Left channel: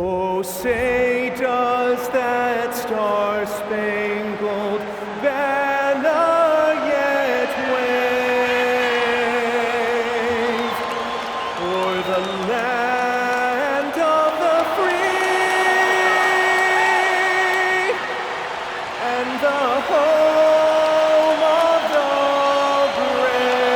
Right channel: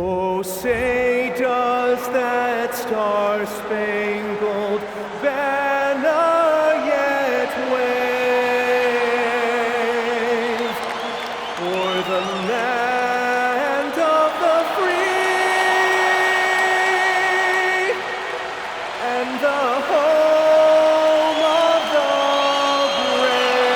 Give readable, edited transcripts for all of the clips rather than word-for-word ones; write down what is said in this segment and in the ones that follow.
Oh, say does that star-spangled banner yet wave o'er the land of the free and the home of the brave?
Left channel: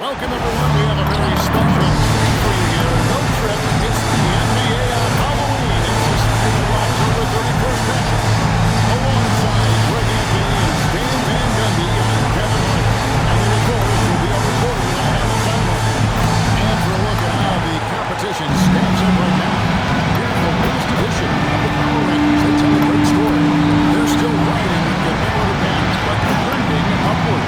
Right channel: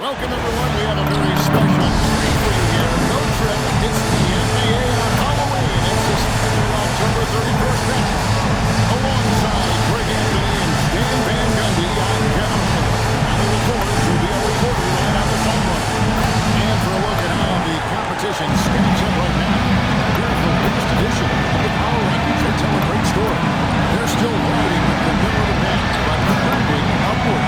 Welcome, everyone. We have a very special treat for you here. No trip. It's the NBA on Halloween. It's a special October 31st matchup. Alongside Greg Anthony and Stan Van Gundy, I'm Kevin Harlan. And the reporters will be our reporter right on the sideline. And for a look at how the competition stacks up right now, here's the latest edition of the Power Rankings. They tell a great story. They're still riding with the middle of the pack, but trending upward.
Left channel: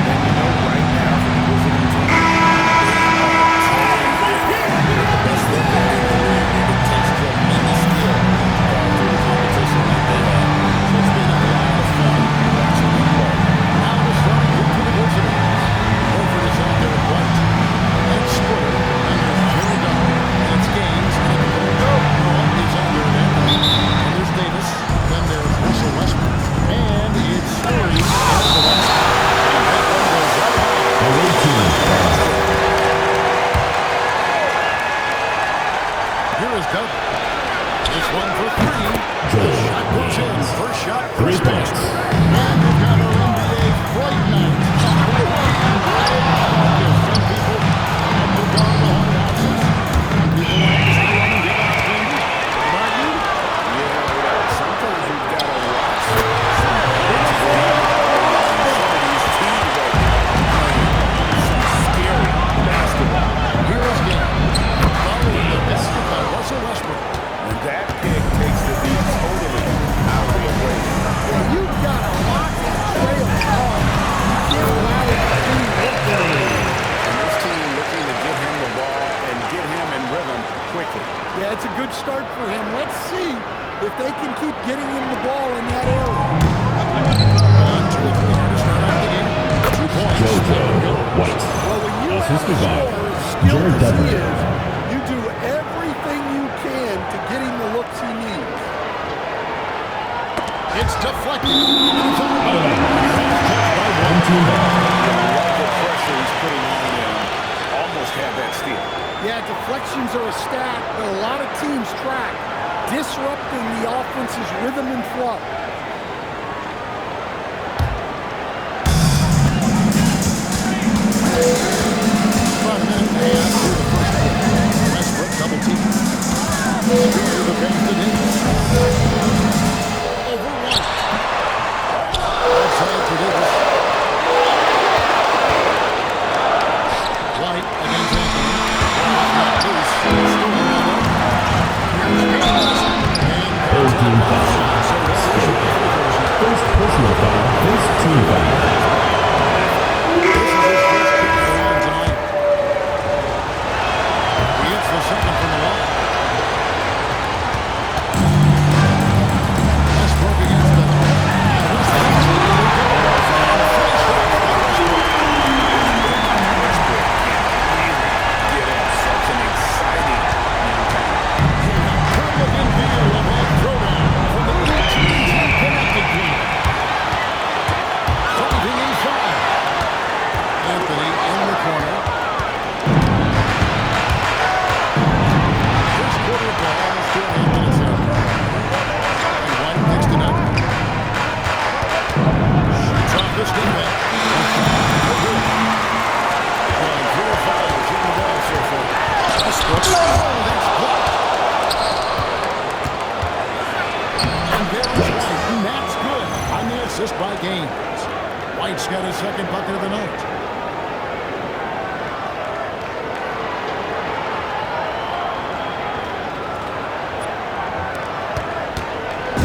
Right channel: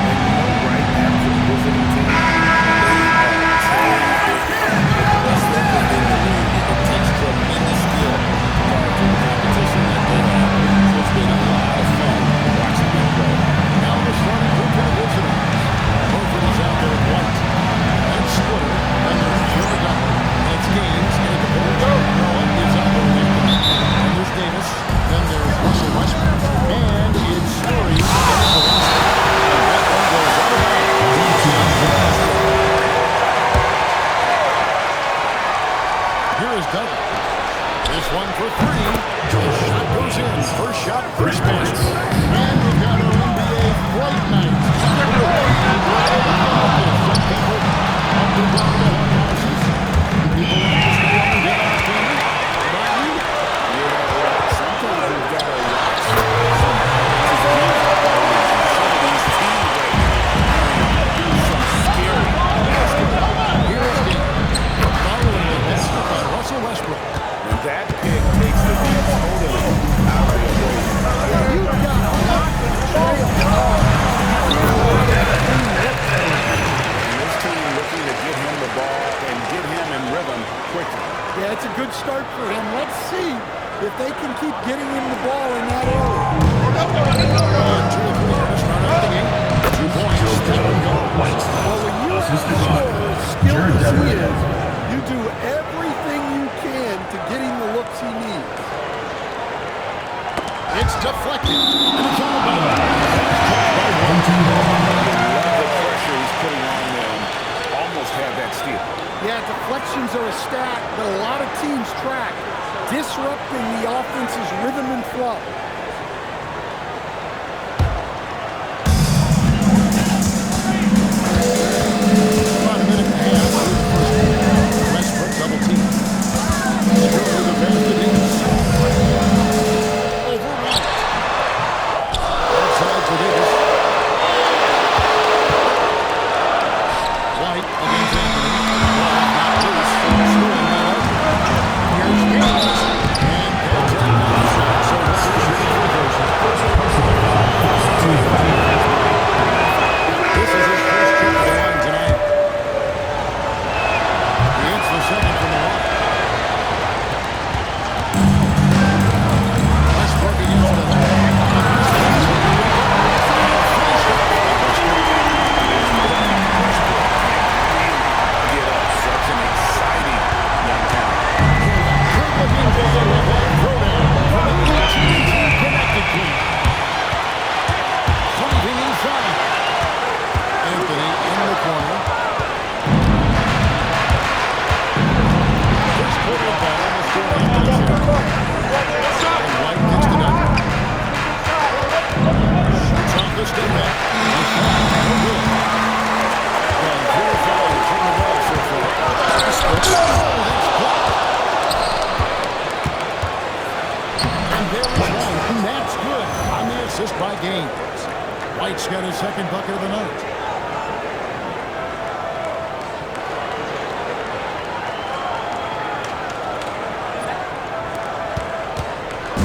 And you know right now for the visiting team, they are totally different. With the best record in the league, it takes tremendous skill to carve through the competition like they have. So it's been a lot of fun watching them play. Now the starting group for the visitors. Horford is out there at White. That's Splitter. And there's Jared Dudley. And it's Gaines. And at the point, Noah is out there with Anthony. And there's Davis. Then there's Russell Westbrook. And it's Story and Valencia. And that one goes out of bounds. Here is Dudley. This one for three. The shot goes in. First shot, first basket. And we've got our NBA Fright Night. Some people have to go to the haunted houses. Some people like to stay home and give out candy. What about you? Yeah, well, sometimes we've got to watch some matches and some of these teams right now are playing some scary basketball. Here is Gaines. Following the basket by Russell Westbrook. And that pick takes the beat totally out of the equation. Yeah, you've got to lock and trail hard. You can't allow it to be what that is. And this team looking to get him the ball and get him in rhythm quickly. Yeah, it's a good start for him. Let's see if they can keep getting him the ball in that area. 1, 2, 3 here to start out the game. 2 points. Step and go. Well, when you have a scorer as skilled as he is, you do everything you can to get him the looks he needs. It's deflected. And it's out of bounds. That's touched by one. You love the pressure he's putting on them. Almost had that steal. Yeah, deflections are a stat that a lot of teams track, disrupting the offense's rhythm and flow. About a minute and a half through the first quarter. Westbrook double team. Screw the pass to Davis. Over White. Outside for Davis. White against Anthony. Ball not loose. Stolen by Dudley. Here's Gaines. And contact on the shot. So that's the shooting free throws. First personal foul. First team foul. This is his first trip to the line tonight. He hits the second from the line. Westbrook against Dudley. And Westbrook, here we go. And finished off by Westbrook. Westbrook can really get up. Such an exciting young talent. And a good-looking video of that throwdown from the AT&T Connected team. Driving inside. Anthony in the corner. First quarter of ball, and the score Anthony's here. And White gets to Dudley. Shoots off the step back. And shot, no good. Well, 4 or 5 shooting the ball so far. Westbrook. Oh, that's blocked. And there's White, and that's good on the assist by Gaines. White's got his second bucket of the night.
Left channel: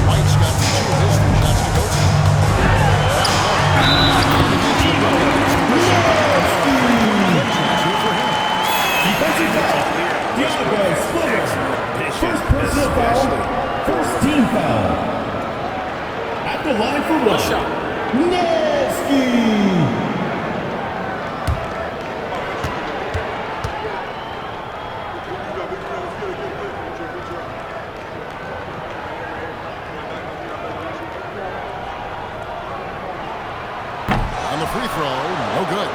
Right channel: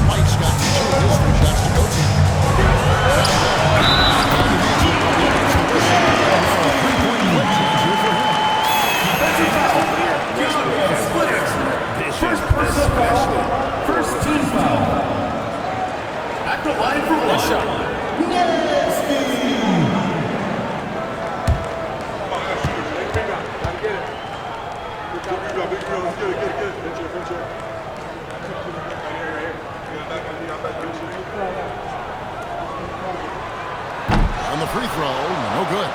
White's got 2 of his 3 shots to go to. Down low. And he makes the bucket, gets the whistle. And now a 3-point quick chance here for him. Clear. Westbrook has excellent vision, especially First team foul. the line for one. shot. Nasty. On the free throw, no good.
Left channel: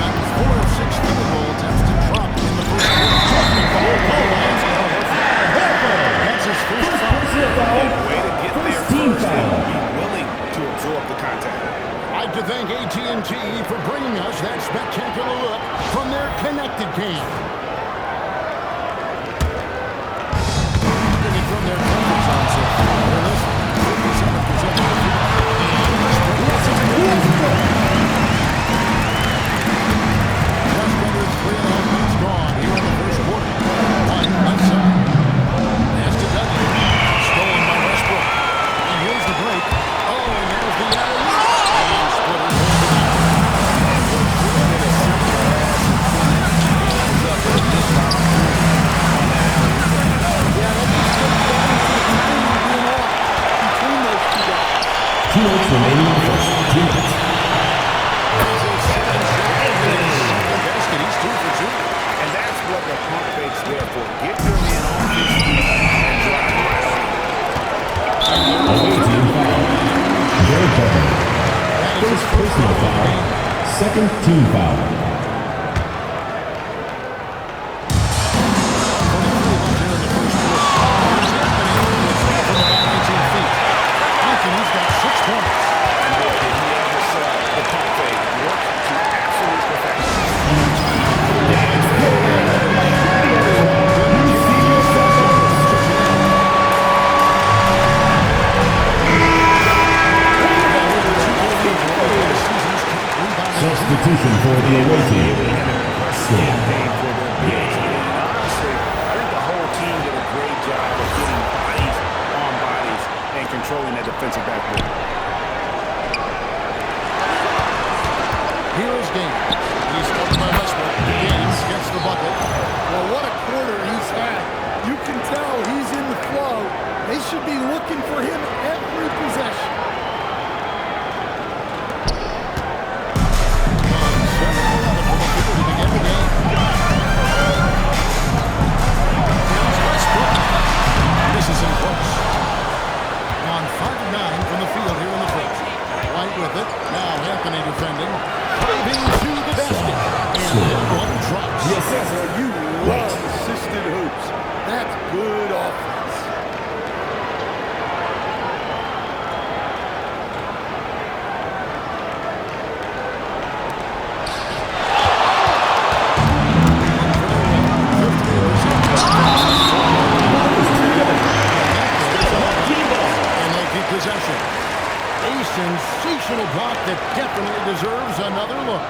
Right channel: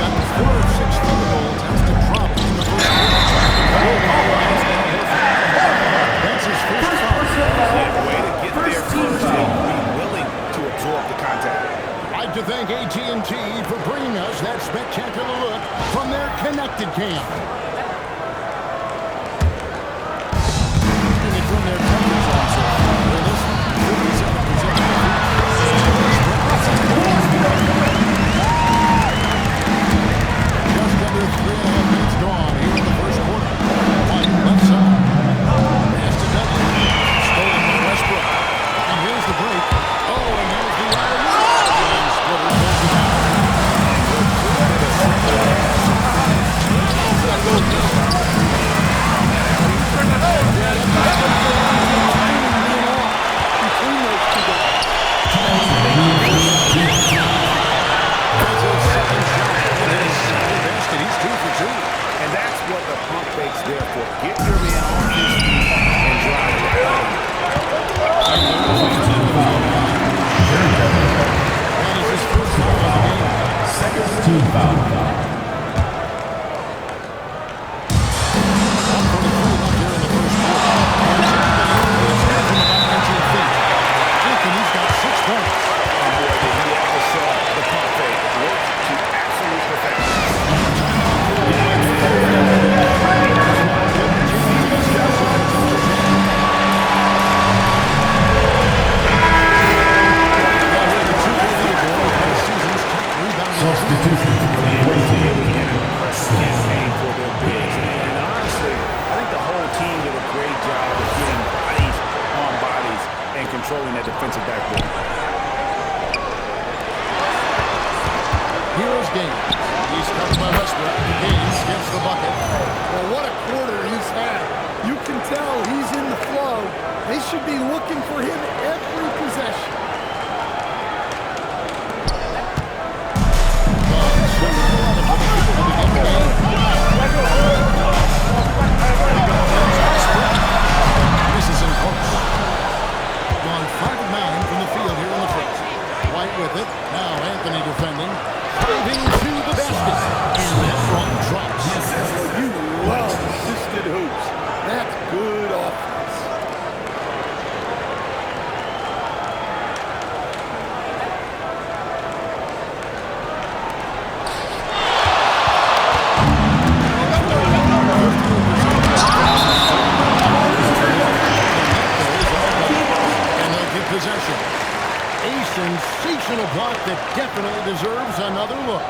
Got 4 of 6 field goal attempts to drop in the first quarter. That's his first foul. And way to get there first and be willing to absorb the contact. I'd like to thank AT&T for bringing us that spectacular look from their connected cam. Taking it from their comfort zone so far. They're this 57% of the field. And Westbrook lets it go. Just under 3.5 minutes gone here in the first quarter. White left side. Pass to Dudley. Stolen by Westbrook. And here's the break. Oh, and there's the alley-oop. And Splitter pulls it down. And what could have been a simple pass and finish ends up with a missed opportunity on that alley-oop. Yeah, that just comes down to the timing being off between those two guys. 2 minutes remaining in the first quarter. That's his second shot. And his second basket. He's 2 for 2. And that's what the pump fake's there for. Get your man on his feet and drive right on him. Team foul. Jared Dudley. That is his first foul of the game. Second team foul. 1:43 left here in the first quarter. Here's Anthony. It's hit from about 19 feet. Anthony's got 6 points. And boy, did he ever sell the pump fake. Worked to absolute perfection. Timeout called by the There's now a good chance to discuss some potential changes. Now here the 2K leaderboard last season's top rebounding team. Substitution for the away team. An impressive campaign for their bigs. And honestly, I think the whole team did a great job of getting bodies on bodies and controlling that defensive backboard. Here is Gaines. He's covered by Westbrook. Gaines gets the bucket. Well, what a quarter he's had. You can tell he's in the flow. They should be looking for him every possession. Gone 7-11 for the people to begin the game. Here's Westbrook. Misses in close. Gone 5 of 9 from the field here in the first. White with it. Now Anthony defending. Driving to the basket. And that one drops. Yes, well, you love assisted hoops. That's good offense. And they'll keep possession. A sensational block that definitely deserves another look.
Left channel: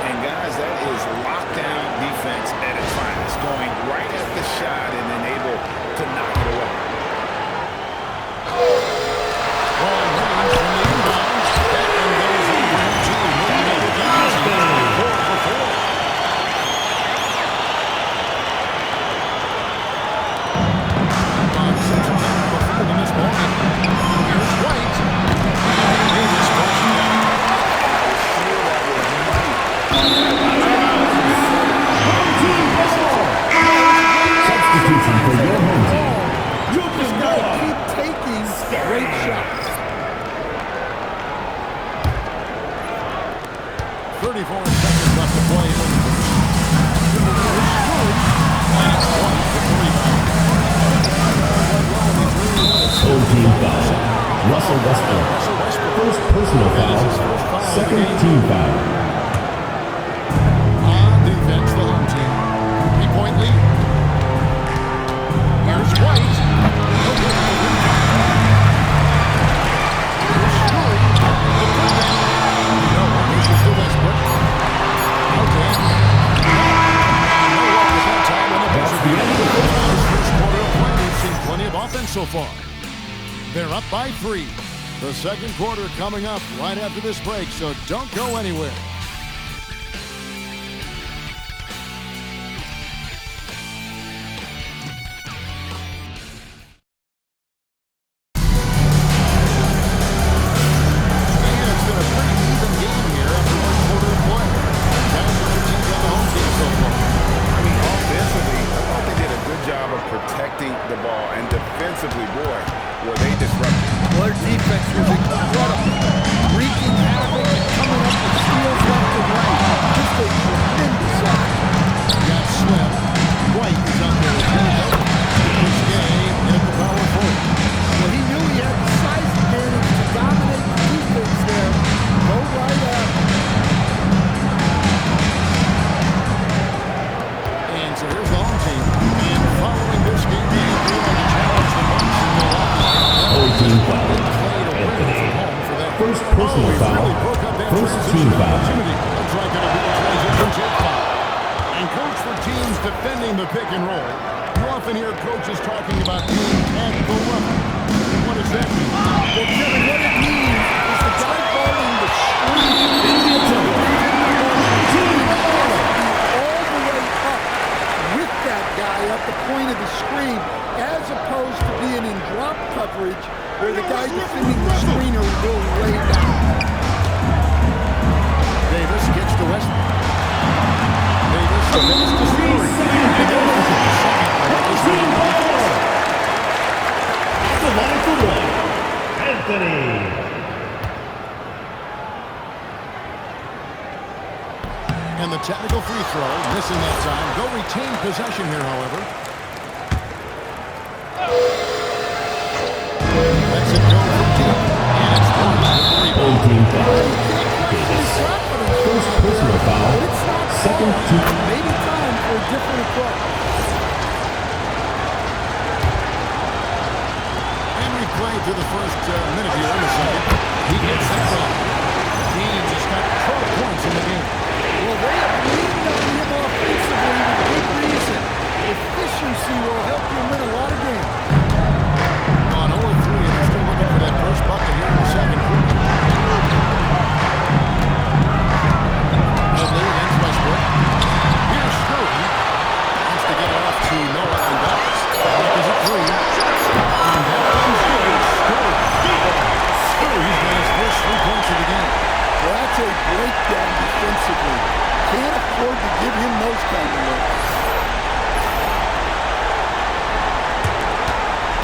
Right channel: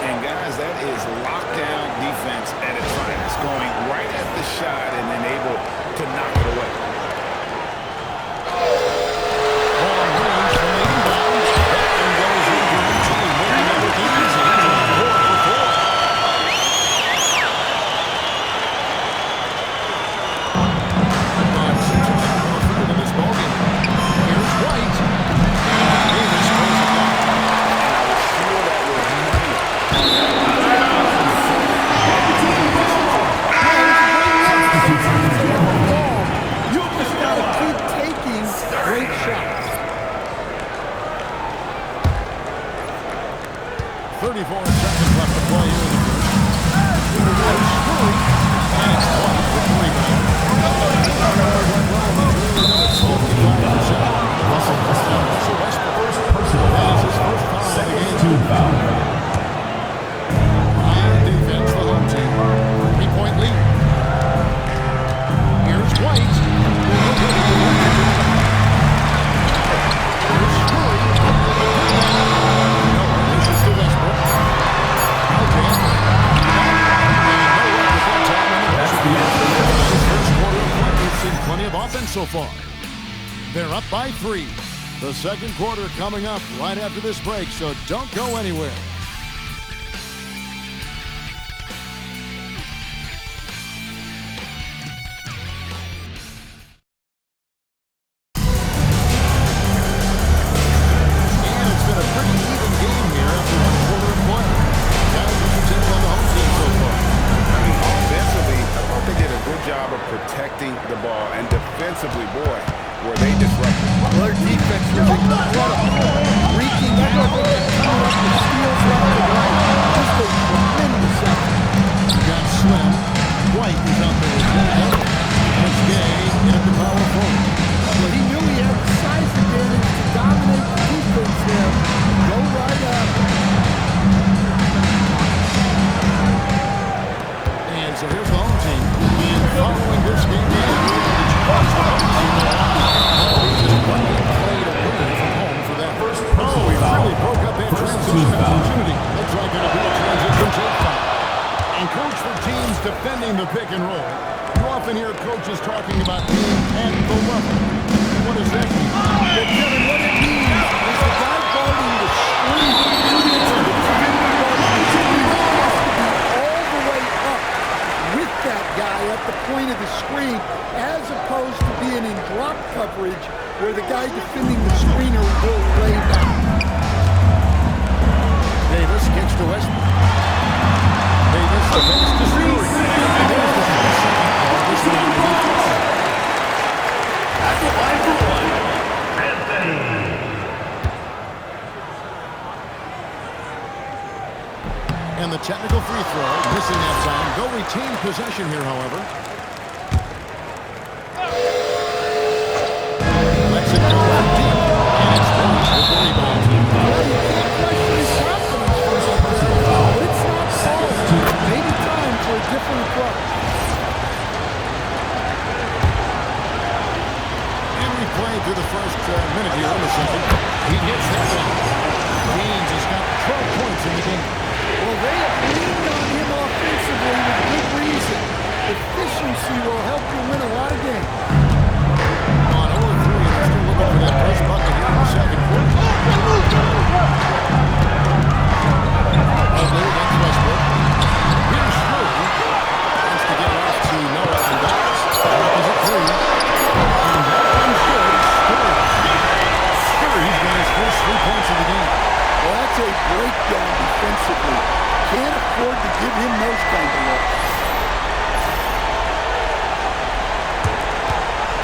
And guys, that is lockdown defense at its finest. Going right at the shot and then able to knock it away. Long range from the inbound. That one goes in for him too. Making it look easy. It's about 4 for 4. On 6 of 10 from the field in this ballgame. Here's White. And Davis pulls it down. And I was sure that was money on that Substitution for your home team. You just got to keep taking great shots. 34 seconds left to play here in the first. Here's Scurry. And it's White with the rebound. Full team foul. Russell Westbrook. Russell Westbrook. First personal That foul. is his first foul of the Second game. team foul. On defense, the home team. 3-point lead. Here's White. No good with the one shot. Here's Scurry. The putback. No one pushes to Westbrook. Out to Anthony. And no luck with that time on the buzzer beater. His first quarter of play, we've seen plenty of offense so far. They're up by 3. The second quarter coming up right after this break, so don't go anywhere. job of protecting the ball. And defensively, boy, were they disruptive. Well, their defense was incredible. Wreaking havoc and coming up with steals left and right. Just a tremendous effort. You got Slim. White is out there with Joe Double. Chris Gay in at the power forward. Well, he knew he had the size advantage to dominate the defense there. Go right at him. And so here's the home team. And following this game, they have to challenge the Bucks in Milwaukee. Just one game played away from home for that. First Oh, personal he foul. really broke up that First transition team foul. opportunity. Looks like it'll be a transition take foul. And coach, for teams defending the pick and roll, you often hear coaches talking about being at the level. What does that mean? Well, Kevin, what it means is the guy guarding the screen, the defender guarding the screen, has to be all the way up with that guy at the point of the screen, as opposed to being in drop coverage where the guy defending the screener will lay down. Davis gets to Westbrook. Davis, the pass to Stewart. And there's the second call. This one on the defense. At the line for one, Anthony. And the technical free throw, missing that time. They'll retain possession here, however. Lets it go from deep. And it's Bruce with the rebound. Team Well, foul. you can't question his confidence, First personal foul. but it's not Second fault. team. Maybe time for a different approach. And we played through the first minute here in the second. He gets that one. Deans has got 12 points in the game. Well, they have leaned on him offensively with good reason. Efficiency will help you win a lot of games. On 0-3, and they're still looking for that first bucket here in the second quarter. Mobley against Westbrook. Here's Scurry. Wants to get it off to Noah and Dallas. Buck is at 3. And that one's good. Scurry's got his first 3 points of the game. Well, that's a breakdown defensively. Can't afford to give him those kind of looks.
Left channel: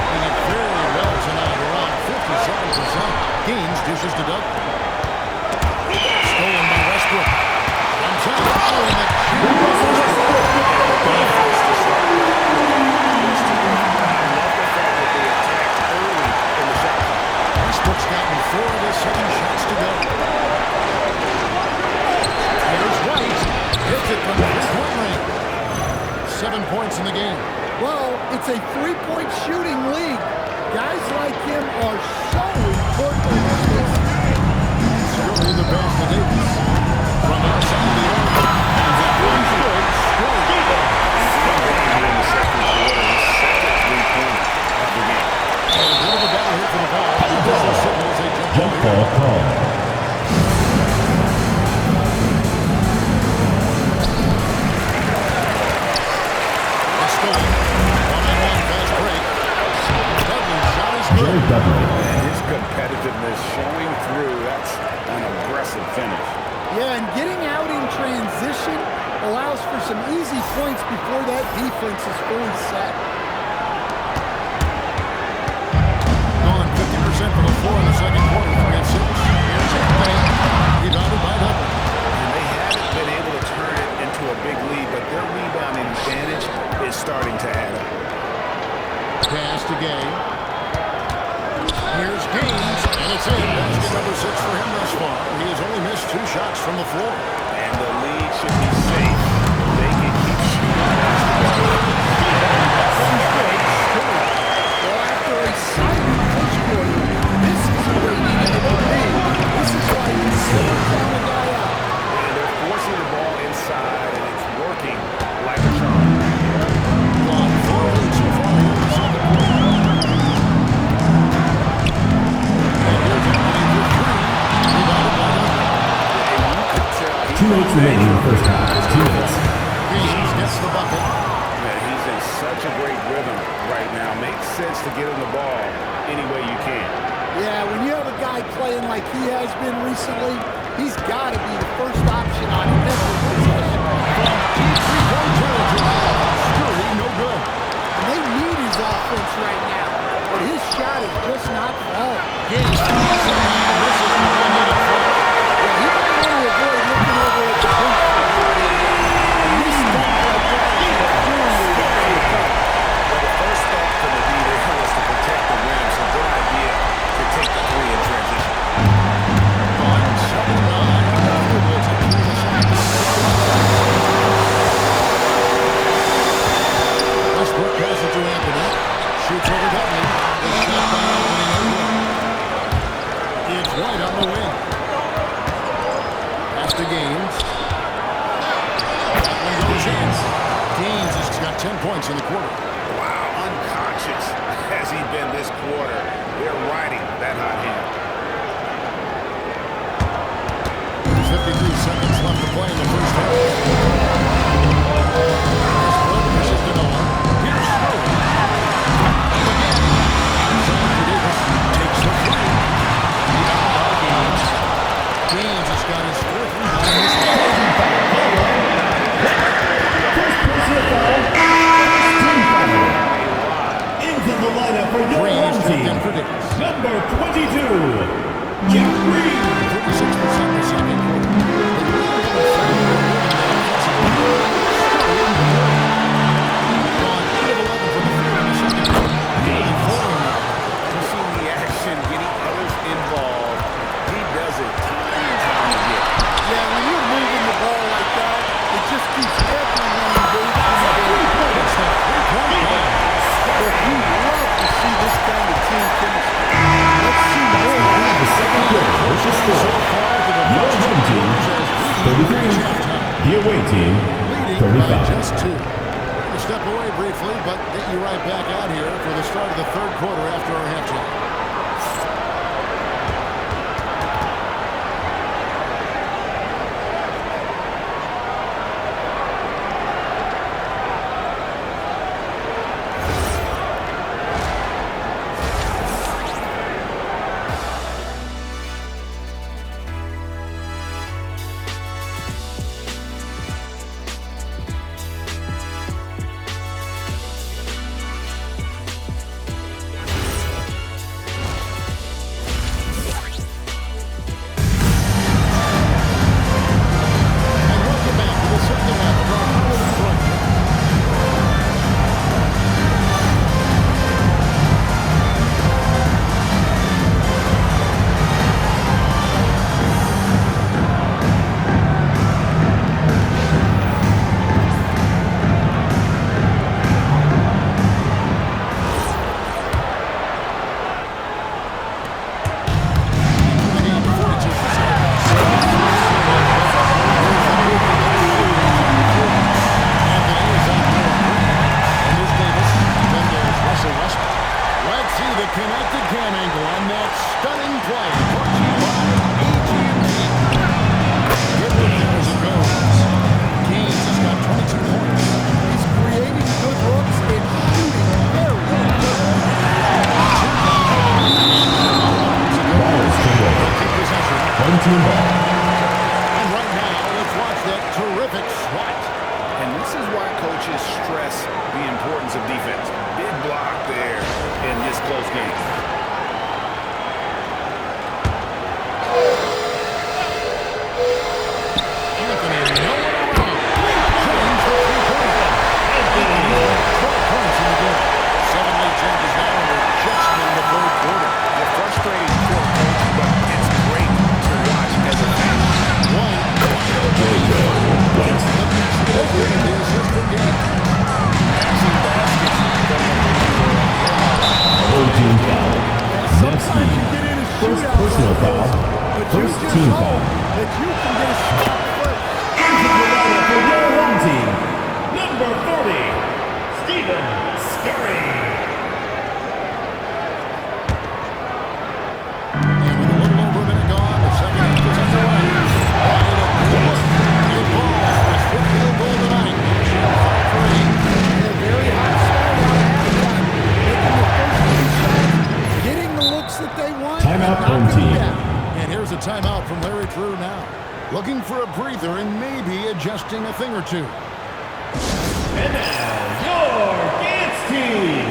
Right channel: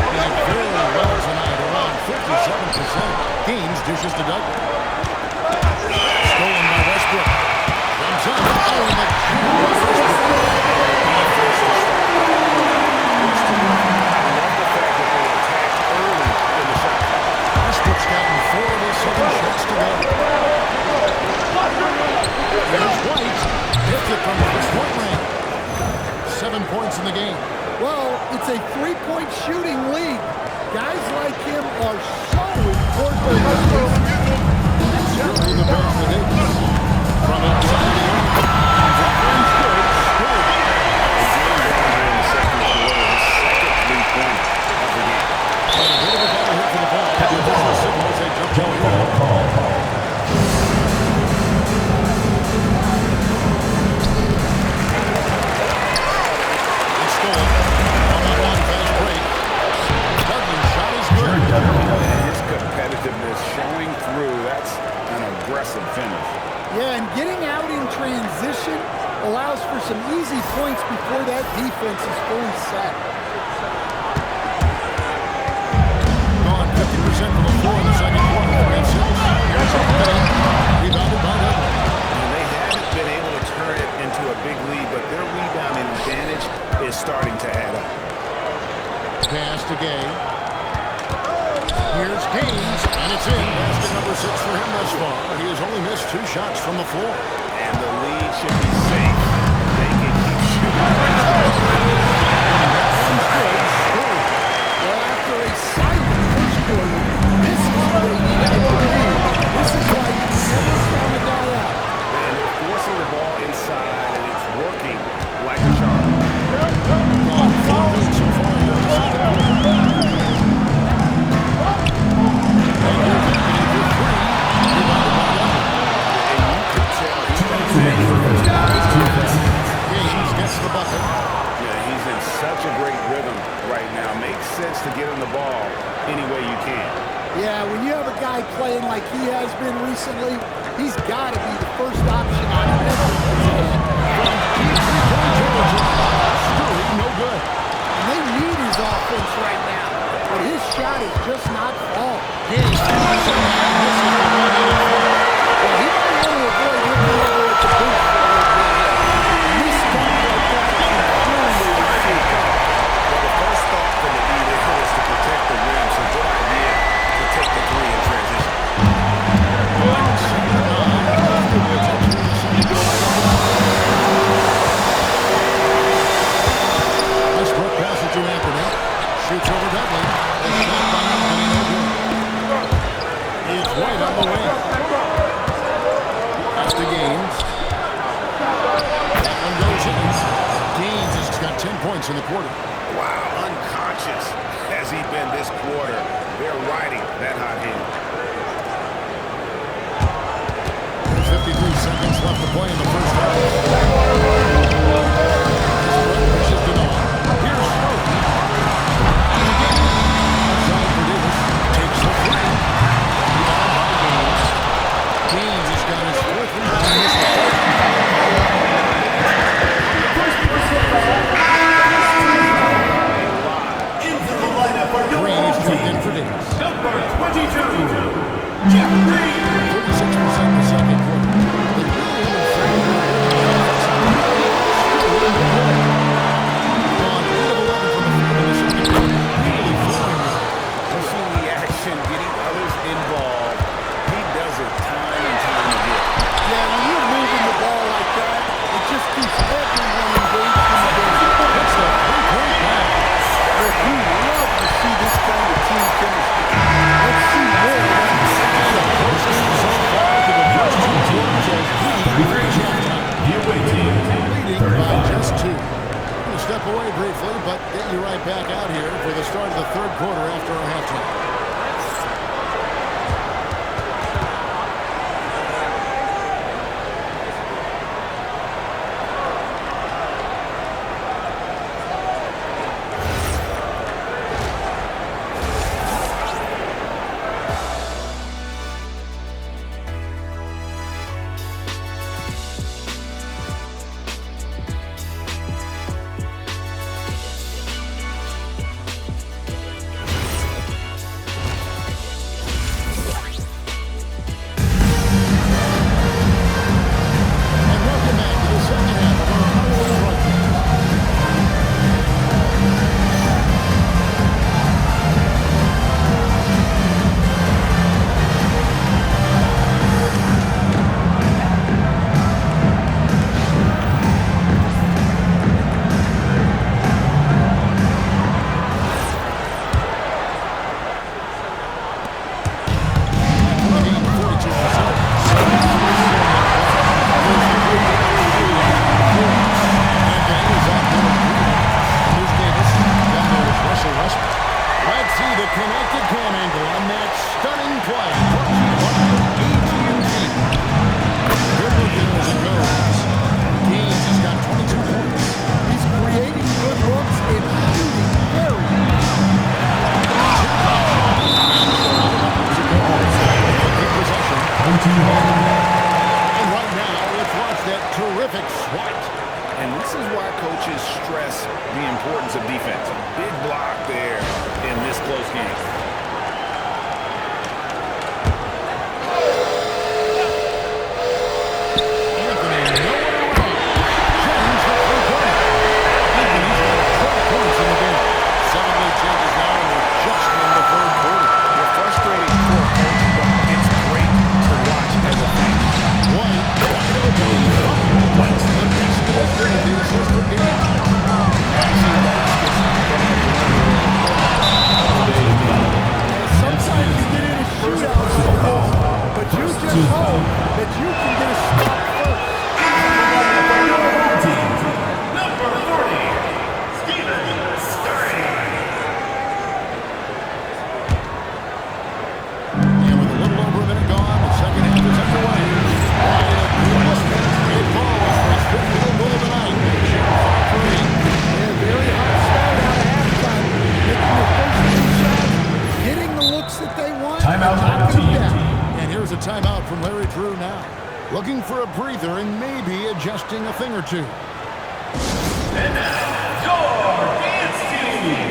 Doing it very well tonight, around 57%. Gaines dishes to Douglas. Stolen by Westbrook. Jumps up. Oh, and the jam by Westbrook. And the defense to start that play was terrific. I love the fact that they attacked early in the shot clock. Westbrook's gotten 4 of his 7 shots to go. Here's White. Hits it from 3-point range. 7 points in the game. Well, it's a three-point shooting league. Guys like him are so important. Scurry the pass to Davis. From outside the arc. And that one's good. Scurry. And game going here in the second quarter, his second three-pointer of the game. And a bit of a battle here for the ball. The official signals a jump ball Jump here. ball call. It's stolen. One-on-one fast break. Dudley's shot is good. Jared Dudley. And his competitiveness showing through. That's an aggressive finish. Yeah, and getting out in transition allows for some easy points before that defense is fully set. Gone 50% from the floor in the second quarter. 3 of 6. Here's Anthony. Rebounded by Dudley. And they haven't been able to turn it into a big lead, but their rebounding advantage is starting to add up. Pass to Gay. Here's Gaines, and it's in. Basket number 6 for him thus far. He has only missed 2 shots from the floor. And the lead should be safe if they can keep shooting the basketball. And that one's good. Scurry. Well, after a silent first quarter, this is where he needed to be. This is why you never count a guy out. And they're forcing the ball inside, and it's working like a charm. Gone 4 of 8 so far here in the second quarter. And here's Anthony for 3. Rebounded by Dudley. And you could tell he's 2 minutes remaining in the first half. 2 minutes. Gaines gets the bucket. Yeah, he's in such a great rhythm right now. Makes sense to get him the ball any way you can. Yeah, when you have a guy playing like he has been recently, he's got to be the first option on every possession. From deep 3-point territory. Scurry, no good. offense right now, but his shot is just not falling. Gaines somehow misses the one-handed flush. Well, he might want to avoid looking over at the bench for a little bit here. A missed dunk like that is infuriating to a coach. Well, the first thought from the D there was to protect the rim, so good idea to take the three in transition. Going 7-9. Westbrook passes to Anthony. Shoots over Dudley. A shot by Anthony, no good. It's White on the wing. Pass to Gaines. That one goes in. Gaines has got 10 points in the quarter. Wow, unconscious has he been this quarter. They're riding that hot hand. There's 53 seconds left to play in the first half. Westbrook pushes to Noah. Here's Sterling. And again, outside for Davis. Takes the three. Rebound by Gaines. Gaines has got his fourth rebound in this game. Green is checked in for Davis. Number 22, Jeff Green. 36% in the second quarter. They really haven't found their rhythm yet offensively. Still no good. Gone 8 of 11 from the field in the second quarter. Really falling there. Pushing the action, getting others involved. He does it time and time again. Yeah, when you're moving the ball like that, it just keeps everyone engaged in the game. It's the three-point ball. Look, you love to see this kind of team chemistry. Let's see more around the second The half. closest so far to the first two quarters as we reach halftime. The away team, Leading 35. by just 2. We're going to step away briefly, but get you right back out here for the start of the third quarter after our halftime. Second half of our Halloween broadcast. Let's see the connected cam angle on that stunning play. Brought to you by AT&T. Good look there as it goes. Gaines has got 22 points. He's creating good looks and shooting very well. They'll keep possession. Home team ball. And right now, let's watch that terrific swat. And this is why coaches stress the importance of defense. Big block there in this close game. Anthony nowhere around. James the three-pointer. Anthony's got 12 points in the game. 7 lead changes now, and we're just in the third quarter. You're frustrating for a coach, but it's great to watch as a fan. White open. White. The basket is good. The assist from Gaines. Matching baskets from the perimeter. Home team foul. And sometimes you get in a shootout personal like foul. this, but you First just team hope foul. that you can get a stop first. For your home team, number 40, Stephen Scurry. And with a little over a minute gone, the second half is underway. White, a good look. It falls for his fifth field goal tonight. Shooting 5 for 8. Yeah, very hot start out of halftime. Making the first 2 shots, getting the looks that they want, Timeout, and knocking home them team. down. And here's a timeout from Larry Drew now. Looking for a breather and maybe adjusting a thing or two. And now, your dance team.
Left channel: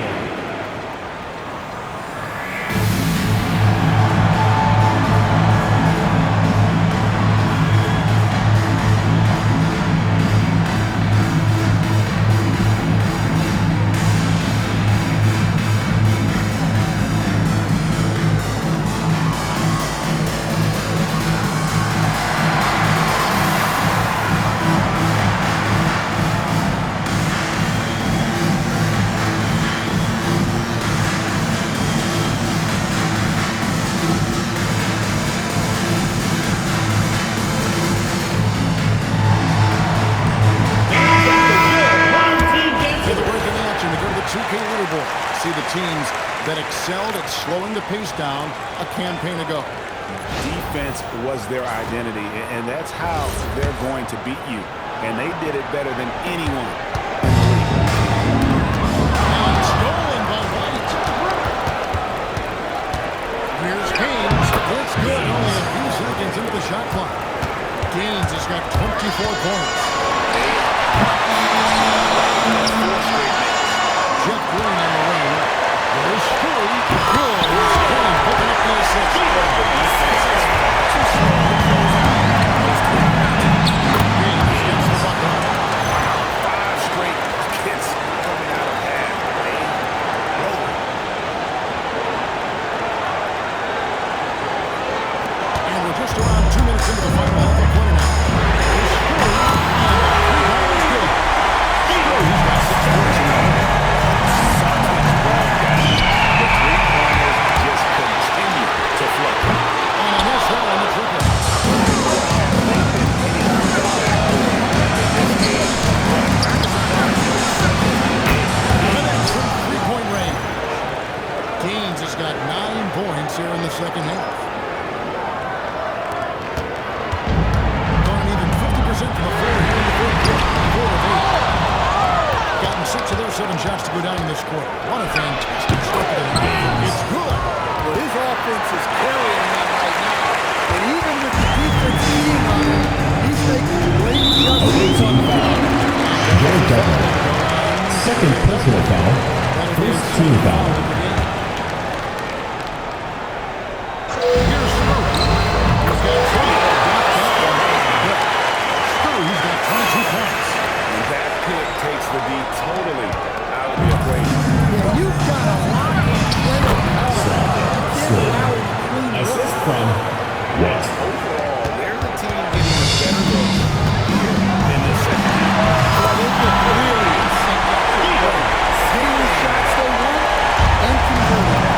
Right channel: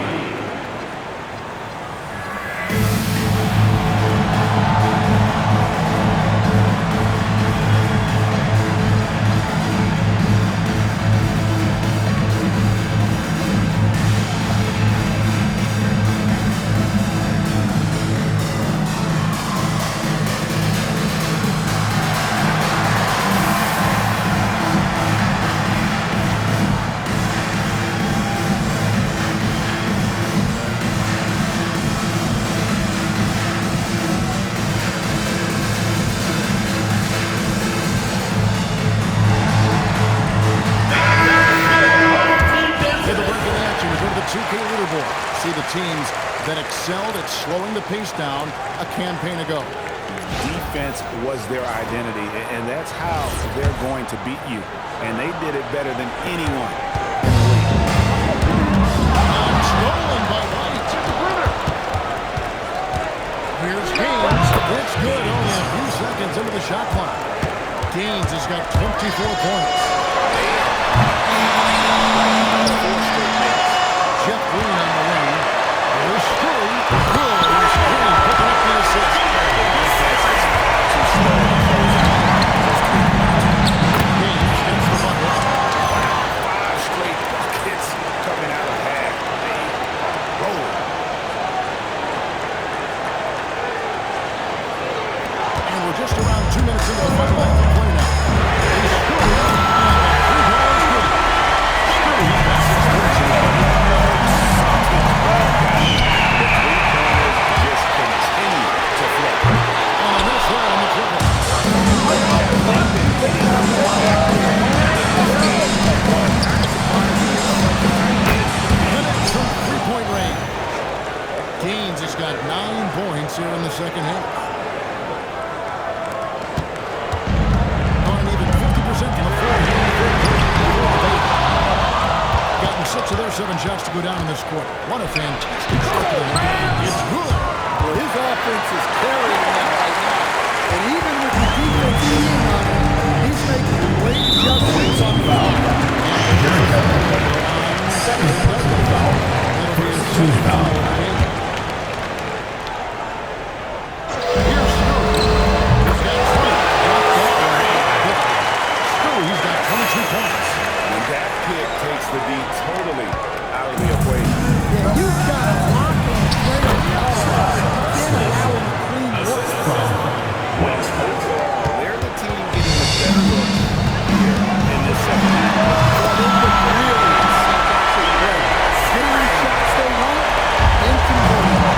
question. We go to the 2K leaderboard. See the teams that excelled at slowing the pace down a campaign ago. Defense was their identity, and that's how they're going to beat you. And they did it better than anyone in the league. And stolen by White. At the perimeter. Here's Gaines. It's good. Only a few seconds into the shot clock. Gaines has got 24 points. They are on fire. That's 4 straight makes. Jeff Green on the wing. There's Scurry. Good. Here's Green picking up the assist. The defense is far too slow to close out those 3 points. Gaines gets the bucket. Wow, 5 straight buckets coming out of half. They are rolling. And we're just around 2 minutes into the final half of play now. There's Scurry, and the 3 ball is good. Scurry's got 6 points in the game. Something's wrong, guys. The 3-pointers just continue to flow. And a miss there on the triple. They've been hitting the back in this game, but I'm kind of surprised that it's such a tight game. Minutes from 3-point range. Gaines has got 9 points here in the second half. Gone an even 50% from the floor here in the third quarter. 4 of 8. Gotten 6 of their 7 shots to go down in this quarter. What a fantastic start to the game. It's good. Well, his offense is carrying them right now. And even with the defense being on him, he's making great adjustments on the foul. Jared Dudley. Second personal foul. That'll be his First second team foul foul. of the game. Here's Scurry. He's got 20. Got that one. Scurry's got 22 points. And that pick takes the D totally out of the equation. Yeah, you've got to lock and play him out of it. You can't allow him to clean look. Assist from West. Overall, they're the team getting the better look here in this second half. Well, they look really in sync after the break. Getting the shots they want and converting them.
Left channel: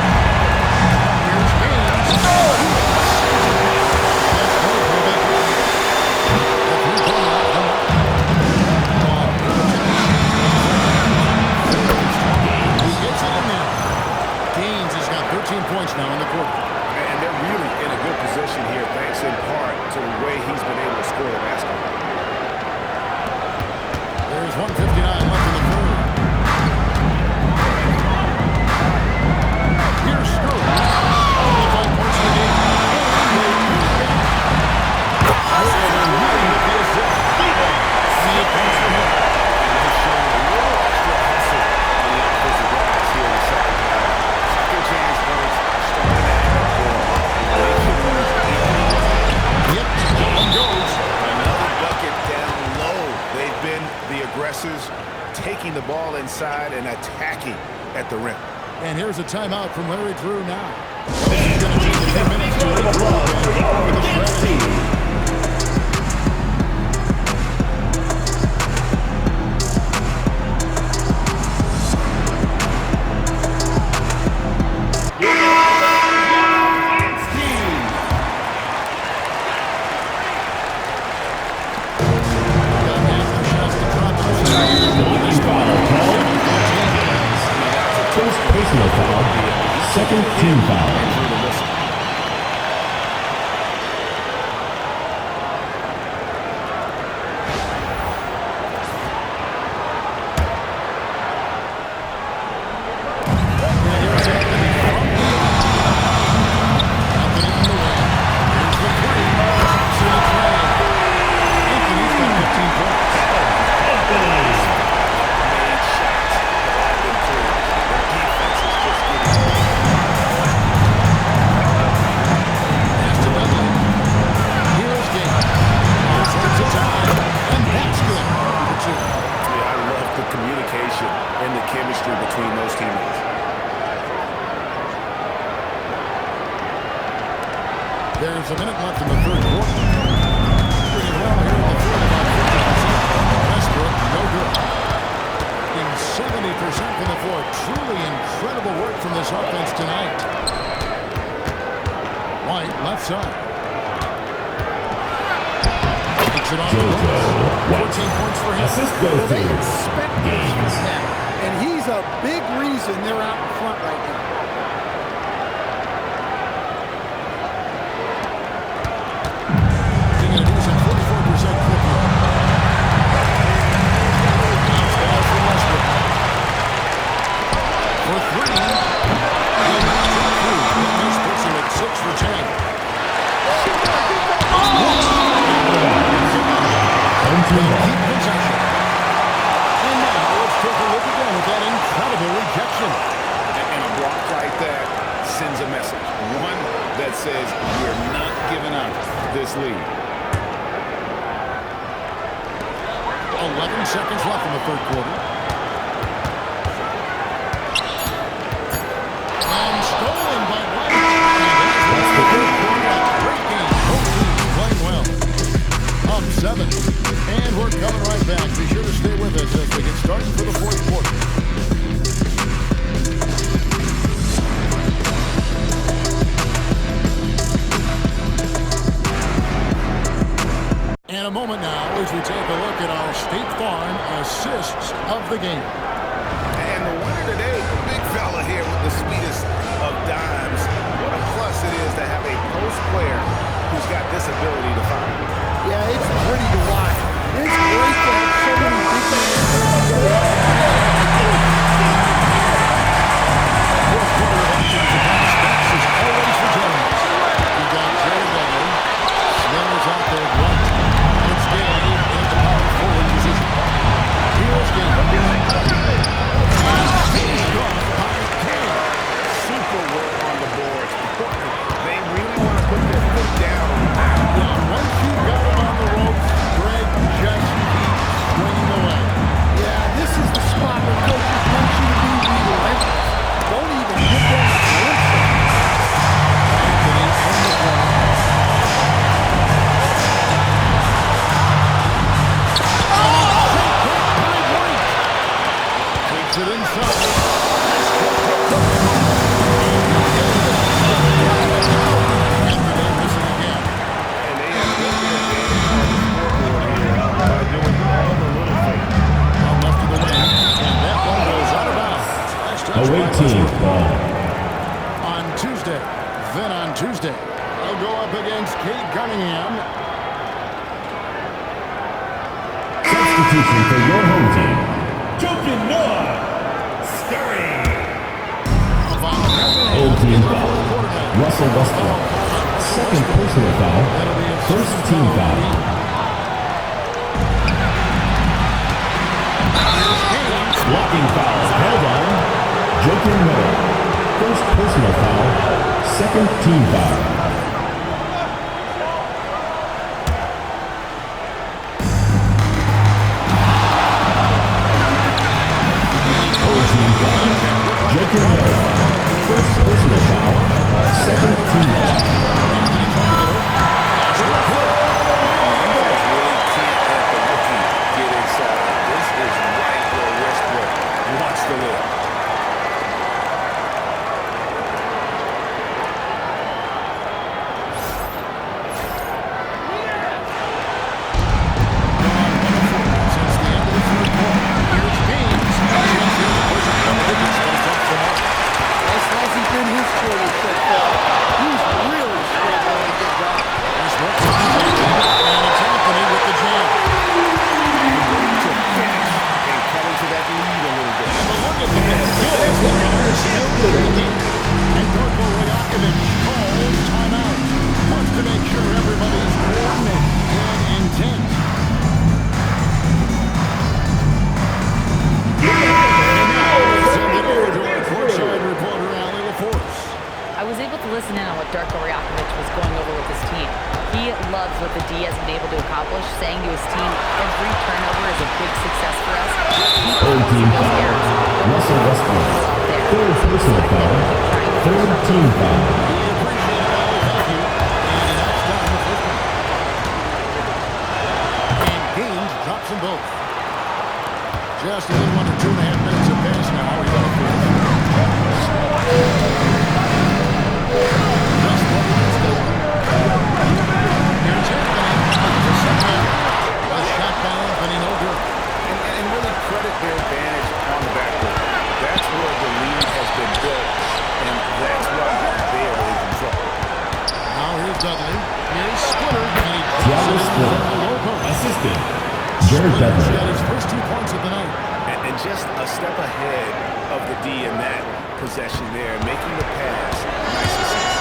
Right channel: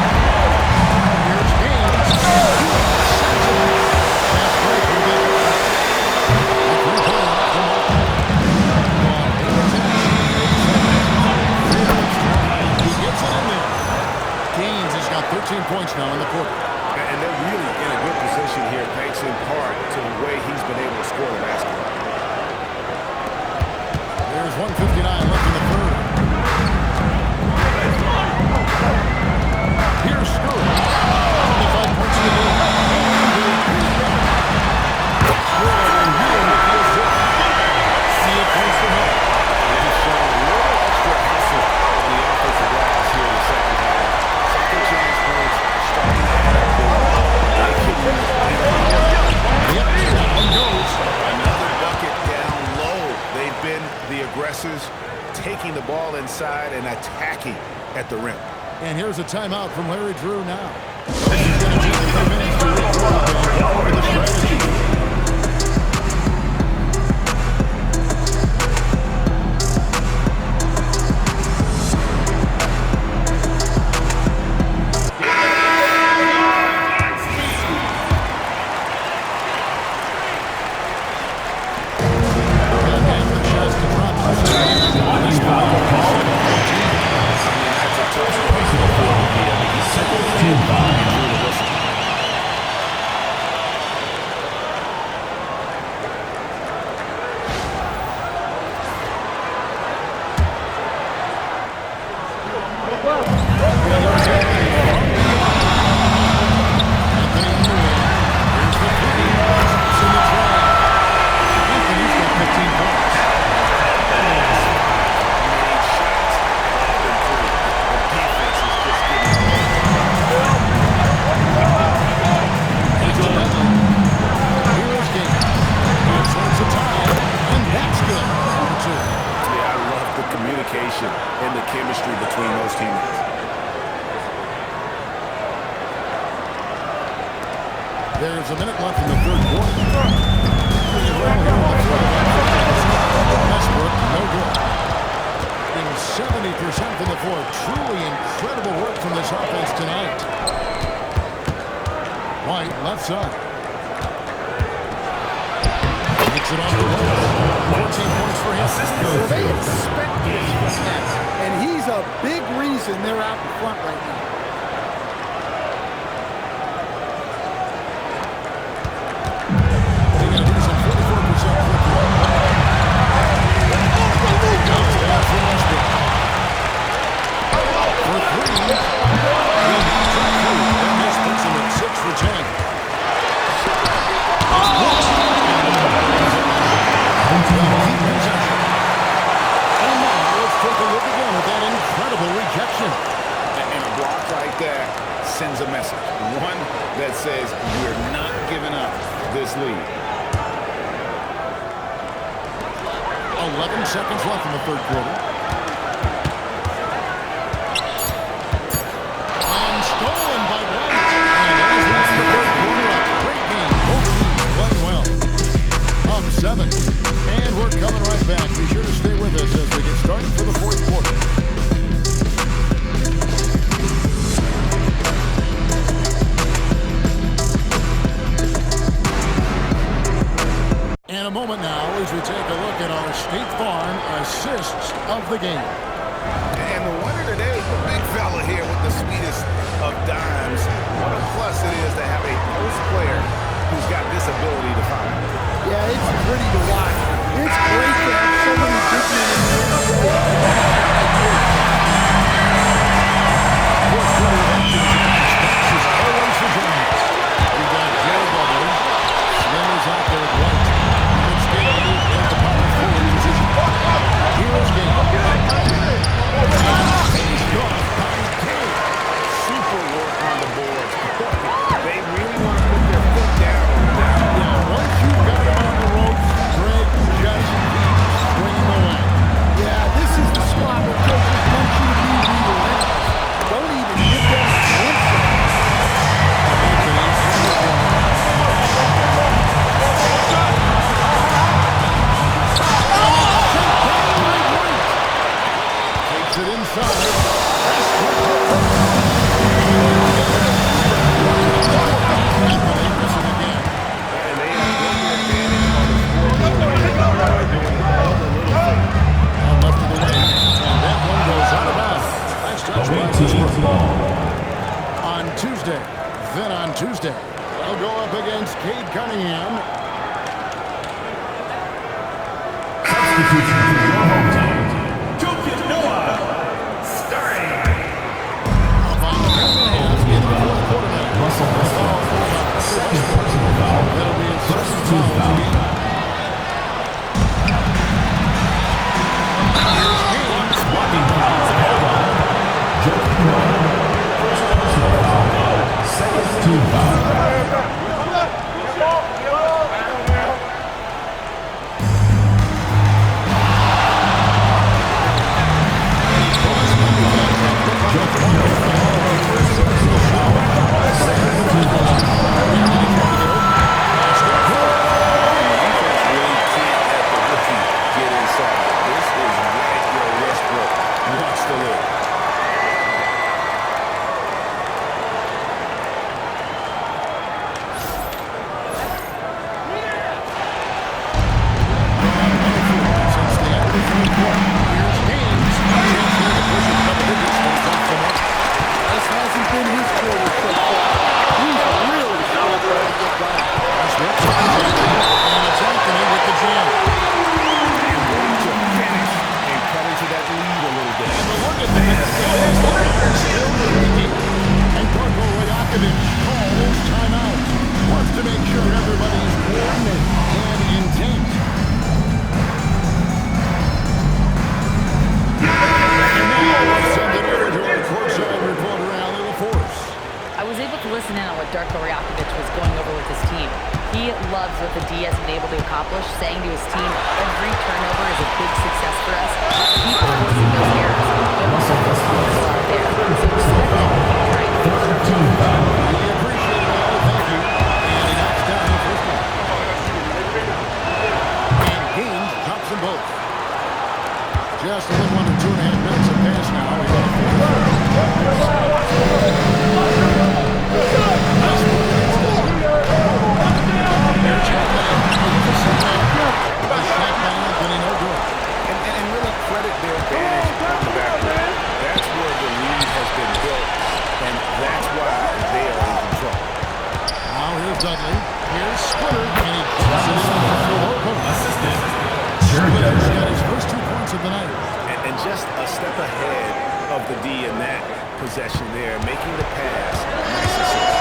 Here's Gaines. Fast break. Here they go. That 3-pointer off the mark. Gone 8 of 10. Very strong. He gets it in there. Gaines has got 13 points now in the quarter. And they're really in a good position here, thanks in part to the way he's been able to score the basketball. There's 1:59 left in the third. Here's Scurry. 25 points in the game. And they put it back. Good, and Ewing with the assist. 28 points for him. And he's showing a little extra hustle on the offensive glass here in the second half. Second chance points are starting to add up for him. They could use Yep, that one goes. another bucket down low. They've been the aggressors, taking the ball inside and attacking at the rim. And here's a timeout from Larry Drew now. This is going to take a few minutes to regroup and go over the strategy. Personal foul. Second team foul. And drew the whistle. Anthony on the wing. Here's the 3. Drops in the tray. Anthony's got 15 points. Made shots have all been threes. The defense is just getting Pass to Dudley. Here's Gaines. He serves a tie, and that's good. Number 2. Yeah, I love the communication and the chemistry between those teammates. There's a minute left in the third quarter. Doing well here in the third, about 50%. Westbrook, no good. Getting 70% from the floor. Truly incredible work from this offense tonight. White, left side. Takes it off the glass. 14 points for him. Assist goes Well, they to expect this from him. and he's a big reason they're out in front right now. Being a decent 44% clip here. Bounce pass from Westbrook. For three. He'll not drop through. That miss puts him at 6 for 10. They'll keep possession. And now let's take a look again at that incredible rejection. And a block like that sends a message. One that says we're not giving up this lead. 11 seconds left in the third quarter. And stolen by White. And as we end the third quarter, a great game. Both teams playing well. Up 7. And we're coming right back. Be sure to stay with us as we get started for the fourth quarter. In a moment now as we take a look at our State Farm assists of the game. And the winner today, the big fella here with the speedest of dimes. What a plus it is to have a post player who's got this ability to find. Yeah, it's pretty to watch. It's great to have so many big men in the NBA. Fourth quarter of action is upon us. Thanks as always for joining us. We've got Jared Dudley. Slim is out there at right. It's Gay in the power forward position. Here's Gay. Finished off by Gay. Super work on the boards. Boy, they really want to put their foot down on them now. Yeah, once you've got him on the ropes, Greg just keeps swinging away. Yeah, this is the spot where coaches want you to be relentless. Don't even give them a glimpse of it. Anthony in the corner. Takes it inside. Westbrook with the block. Anthony missing again. And they have built their advantage on the scoreboard here by doing all the little things. Out left of the wing. And that one goes out of bounds. Last touch by Westbrook. On Tuesday. Then on Tuesday, they'll go up against Cade Cunningham. Substitution for your home team. Jokic Noah, starting. Up on the half into the fourth quarter now. Russell Westbrook. Foul called on Russell Second Westbrook. personal foul. That'll be his First second team foul of the foul. game. Here's Kane. Blocking foul. Called on Jokic Noah. First personal foul. Second team foul. Jokic Noah. First personal foul. Second team foul. Anthony trying to get open. Lost it. Good. The defense really can't let the rookie get inside. This is right where Westbrook wants to live. Gone 104 since the end of the third quarter. Here's Gaines. A chance here to push it double digits, but it's off the mark. This hasn't been his quarter so far. He's really struggling to get going. Westbrook finds Anthony, and it's Anthony with the jam. And waiting to finish and cut into that lead a little bit. And the look at that, the baseline are still shaking. And Darko Rajakovic calls timeout. Wants to make sure everybody's coordinated and intent. And now let's send it over to our courtside reporter, Allie LaForce. I was able to listen in on what Darko Rajakovic was going over with his team. He loves what the D has been able to accomplish, saying to his team, every turnover is a big success for us. Keep forcing those errors. Don't let them be comfortable out there. So expect them to keep trying to be Team foul. We appreciate it, Allie. Thank you. And he knocks down the first one. And Gaines drops them both. Just a little under 2.5 minutes have passed now. He's on the field. Westbrook against Dudley. Here's Anthony. A shot by Anthony, no good. And really credit their advantage on the backboard. has been built, and that's why they are in control. Now here's Dudley. Here's Splitter, and he drops it in from the low post. Assistant, Jared Splitter's Dudley. got his first 2 points of the night. And just a step ahead of the D in that possession there, making the pass. Nice assist.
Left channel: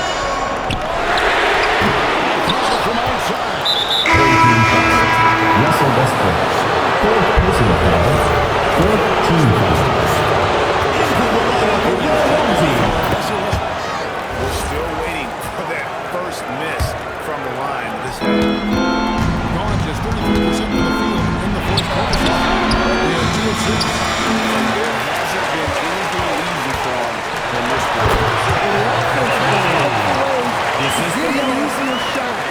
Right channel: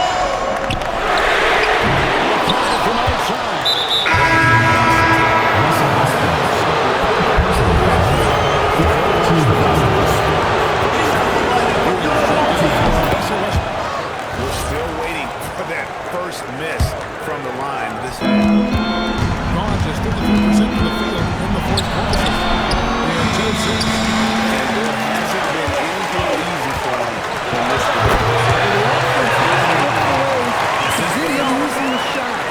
Foul from outside. Russell Westbrook. Fourth personal foul. Fourth team foul. Russell Westbrook. We're still waiting for that first miss from the line. This Gone just 33% from the field in the fourth quarter. They are 2 of 6. and there hasn't been anything easy for him in this quarter. Well, the offense has to look for ways to get him easier shots,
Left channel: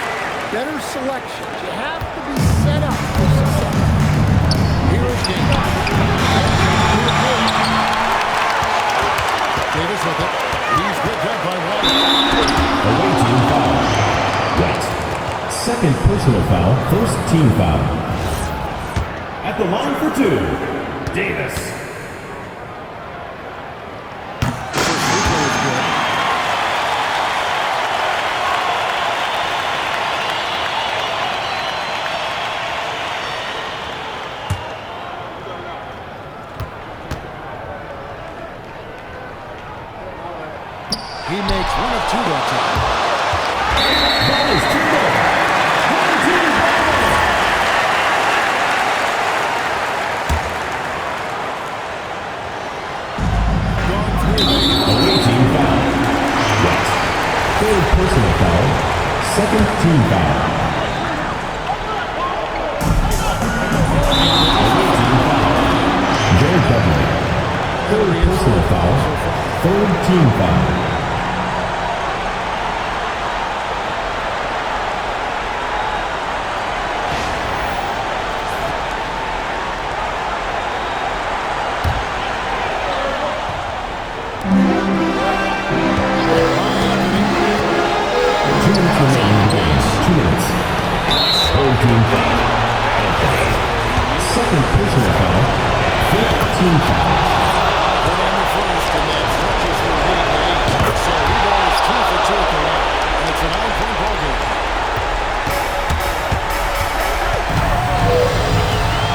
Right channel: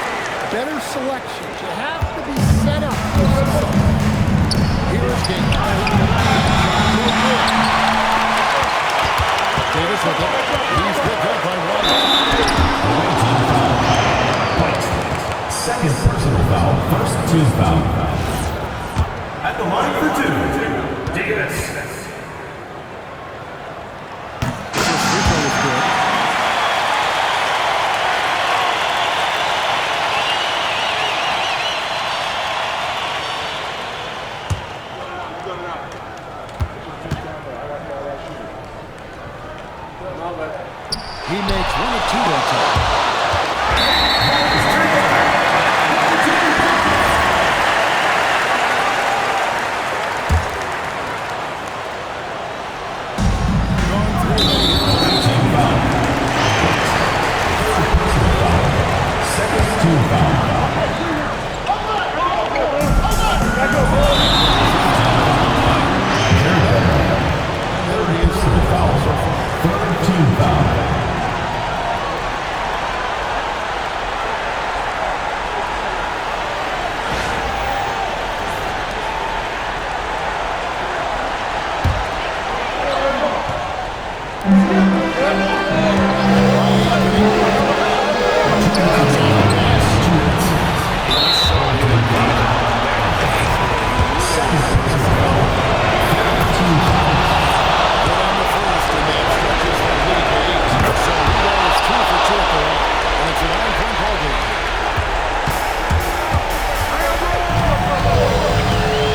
better selections. You have to be set up for success. Here is King. Davis with it. He's picked up by White. Away team foul. White. Second personal foul. First team foul. At the line for 2, Davis. First free throw is good. He makes 1 of 2 that time. Ball is turned over. Gone 3 Away team foul. White. Third personal foul. Second team foul. Jared Dudley. Third personal foul. Third team foul. Second personal foul. 15 fouls. Good on the first, and that stretches their lead to 8. So he goes 2 for 2 at the line, and it's a 9-point ball game.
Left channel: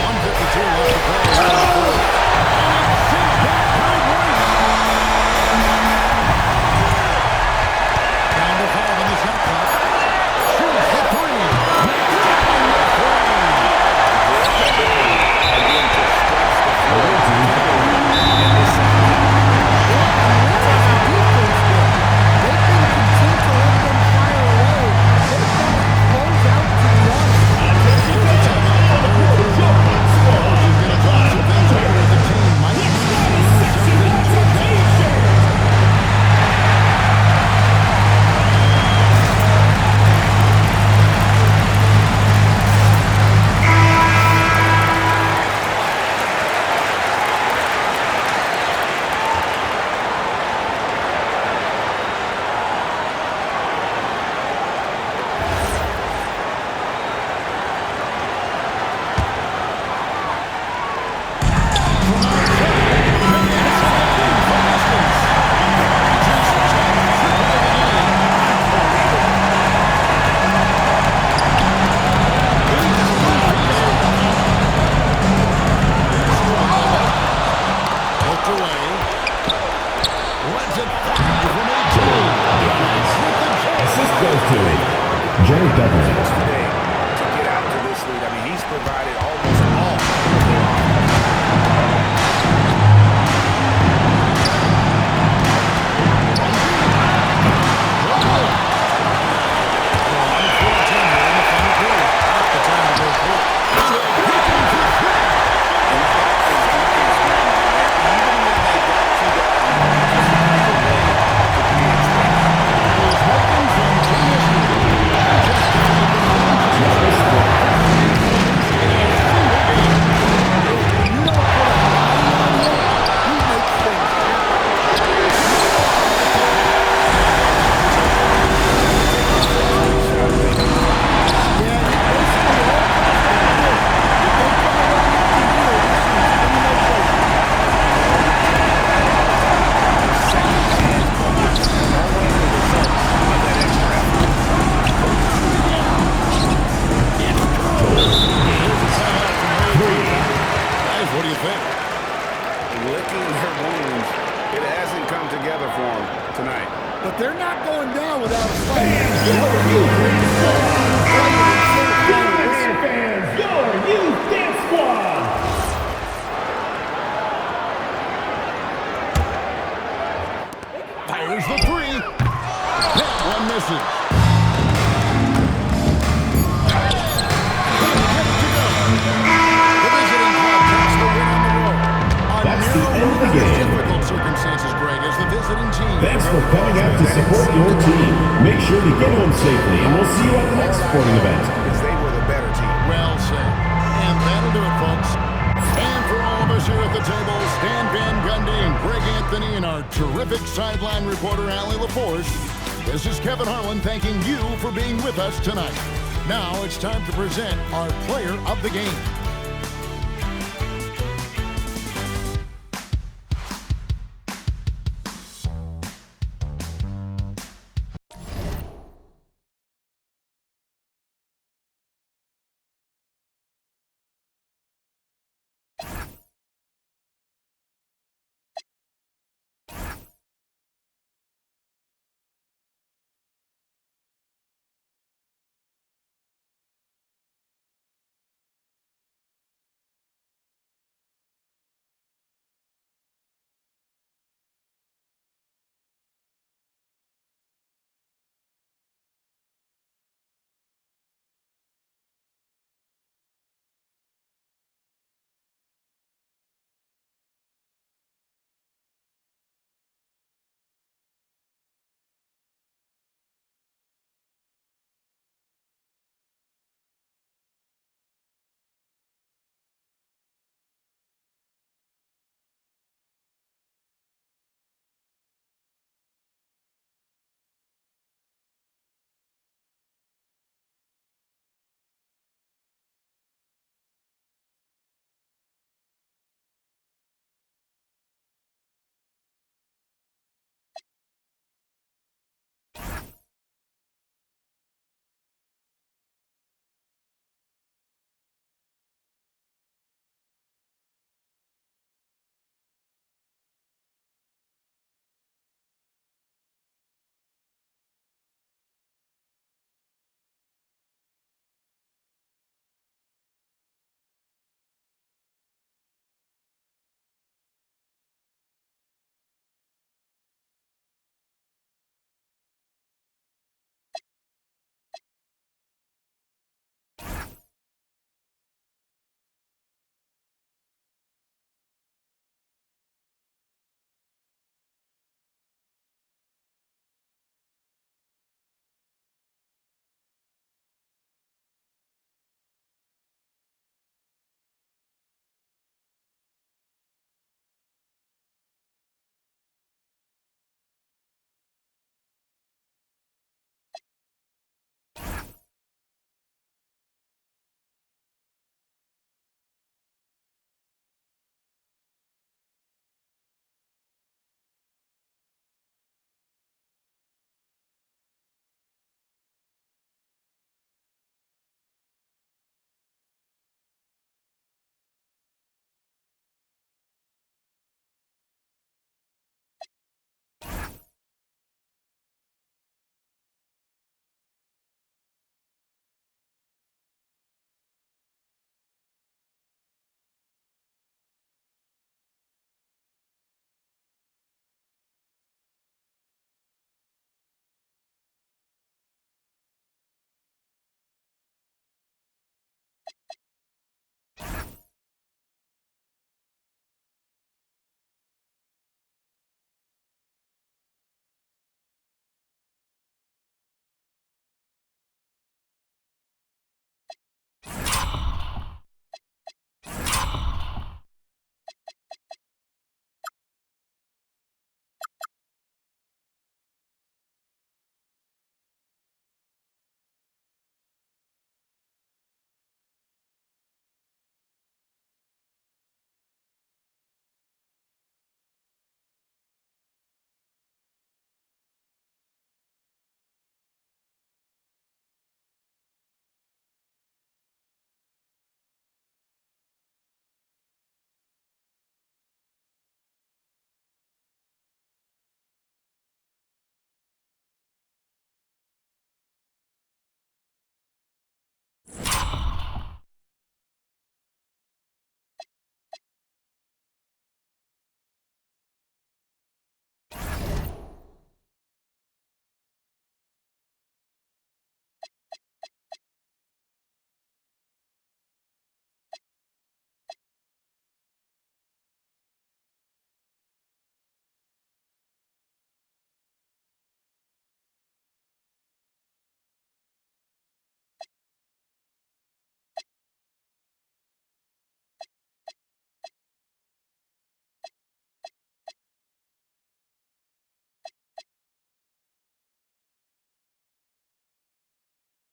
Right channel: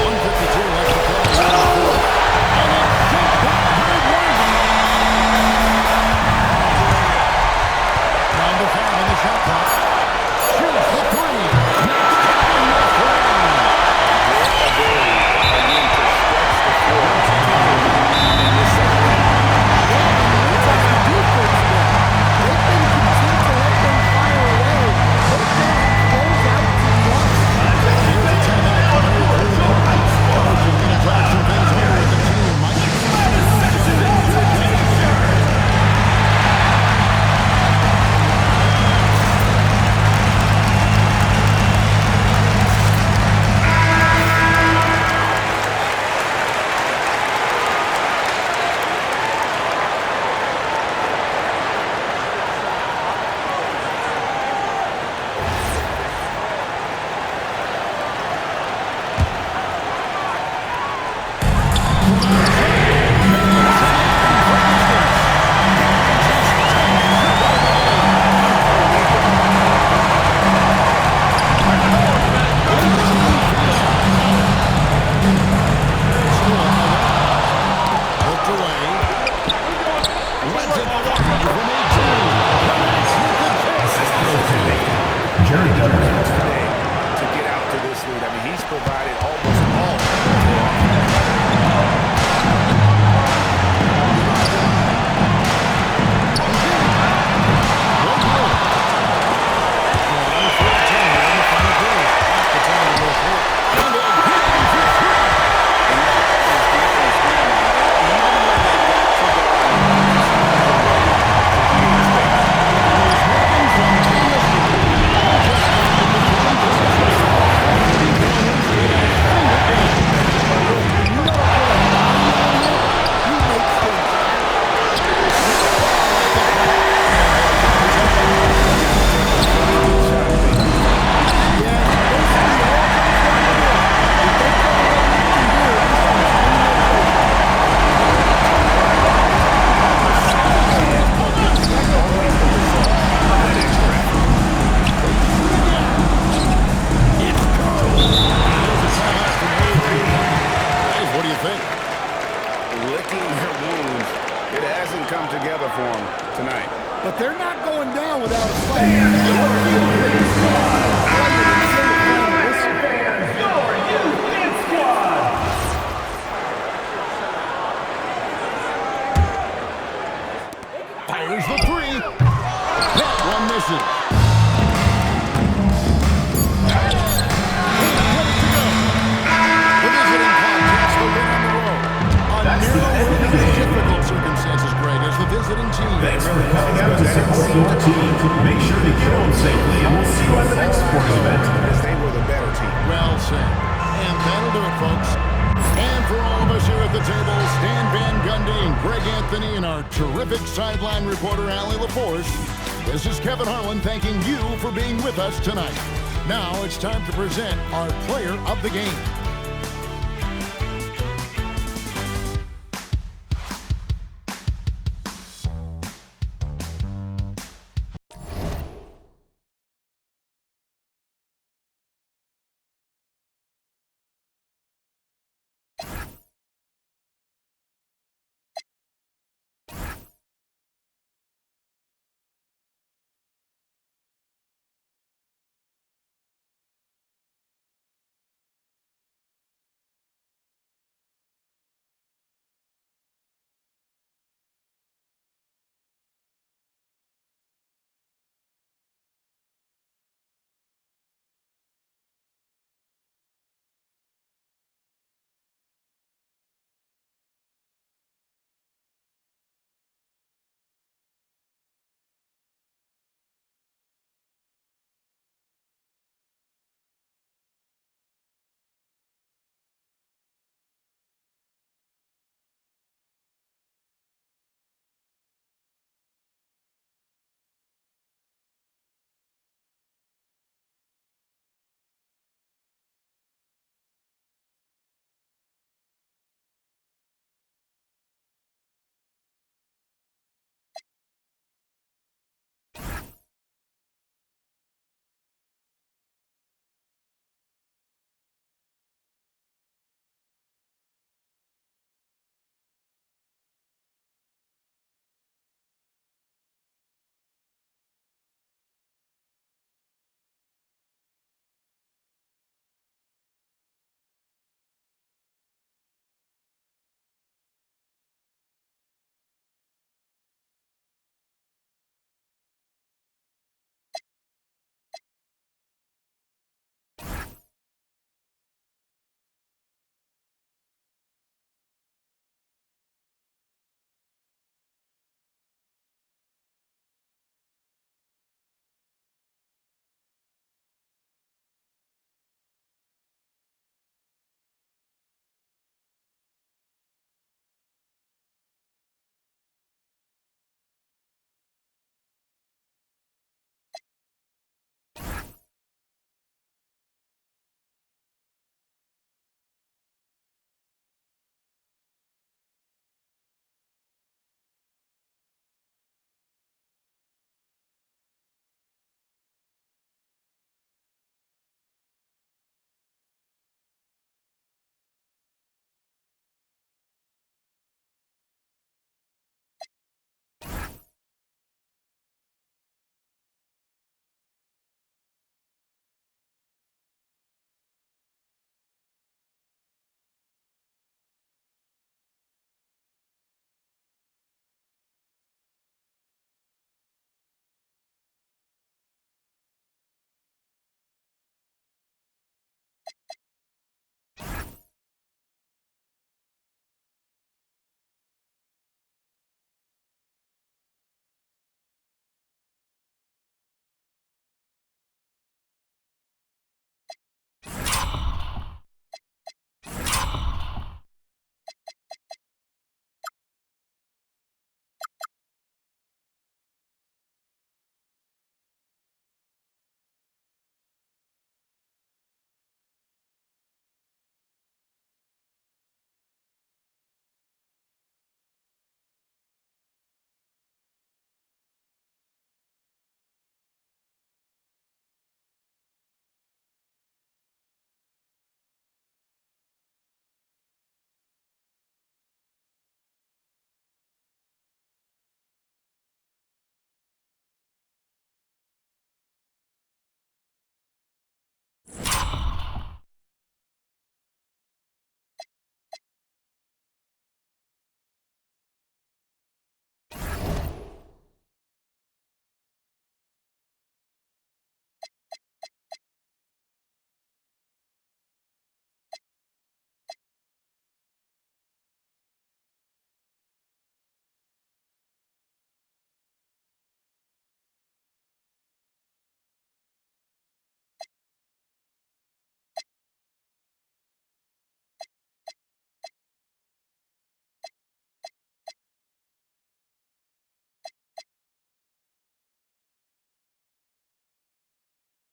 1:52 left to play in the fourth. And it's sent back by White. Down to 5 on the shot clock. Shoots the 3. Knocks down the 3. Their ability, again, to stretch the floor in this second half. Yeah, and where's the defense been? They've been content to let them fire away. They've got to close out to the arc. Here's a timeout from Larry Krugman. Coach is going to talk some things over with the team. Might need something to adjust. Jared Dudley. Today to get out to this lead. I mean, he's provided almost all of their offense. Just different wounds, it hasn't come together for him tonight. But they're not going down without a fight. They'll feel great fight it until the final whistle. Fans, your youth dance squad. Fires the three. That one misses. Couldn't get it to go. The visiting club takes the win on the road. A near difficult circumstances, Greg, as the visiting team. Thanks for coming out to support your team. Make sure to get home safely, and we'll see you at the next sporting event. Because they were the better team. Well said. And that'll do it, folks. And for all of us here at the table, Stan Van Gundy and Greg Anthony and our terrific sideline reporter, Allie LaForce, this is Kevin Harlan thanking you for being with us tonight. Now it's time to present our player of the game.